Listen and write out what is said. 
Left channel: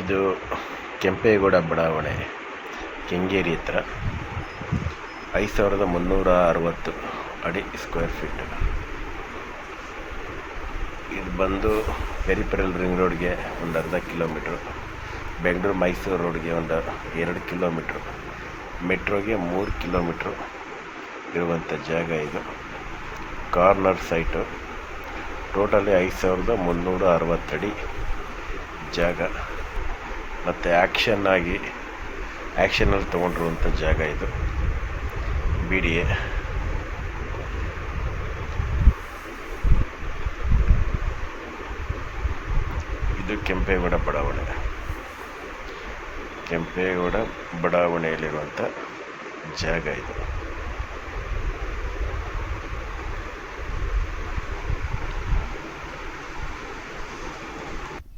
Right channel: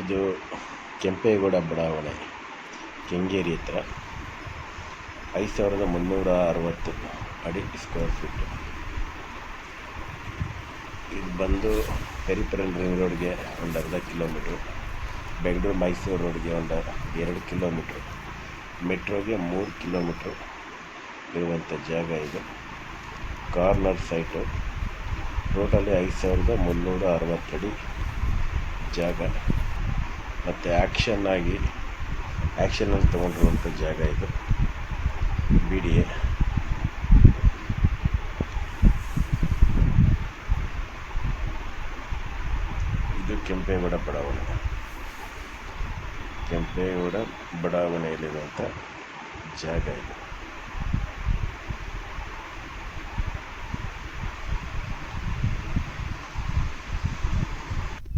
ಇದು ಕೆಂಪೇಗೌಡ ಬಡಾವಣೆ, ಕೆಂಗೇರಿ ಹತ್ರ. 5360 ಅಡಿ ಸ್ಕ್ವೇರ್ ಫೀಟ್. ಇದು ಬಂದು ಪೆರಿಫೆರಲ್ ರಿಂಗ್ ರೋಡ್ಗೆ ಒಂದು ಅರ್ಧ ಕಿಲೋಮೀಟ್ರು, ಬೆಂಗಳೂರು ಮೈಸೂರು ರೋಡ್ಗೆ ಒಂದು 2 ಕಿಲೋಮೀಟ್ರು, ಮೆಟ್ರೋಗೆ 3 ಕಿಲೋಮೀಟ್ರು ಇರುವಂಥ ಜಾಗ ಇದು. Corner site. ಟೋಟಲಿ 5360 ಅಡಿ ಜಾಗ ಮತ್ತು ಆ್ಯಕ್ಷನಲ್ಲಿ ತೊಗೊಂಡಿರುವಂಥ ಜಾಗ ಇದು. BDA. ಇದು ಕೆಂಪೇಗೌಡ ಬಡಾವಣೆಯಲ್ಲಿರುವಂಥ ಜಾಗ ಇದು.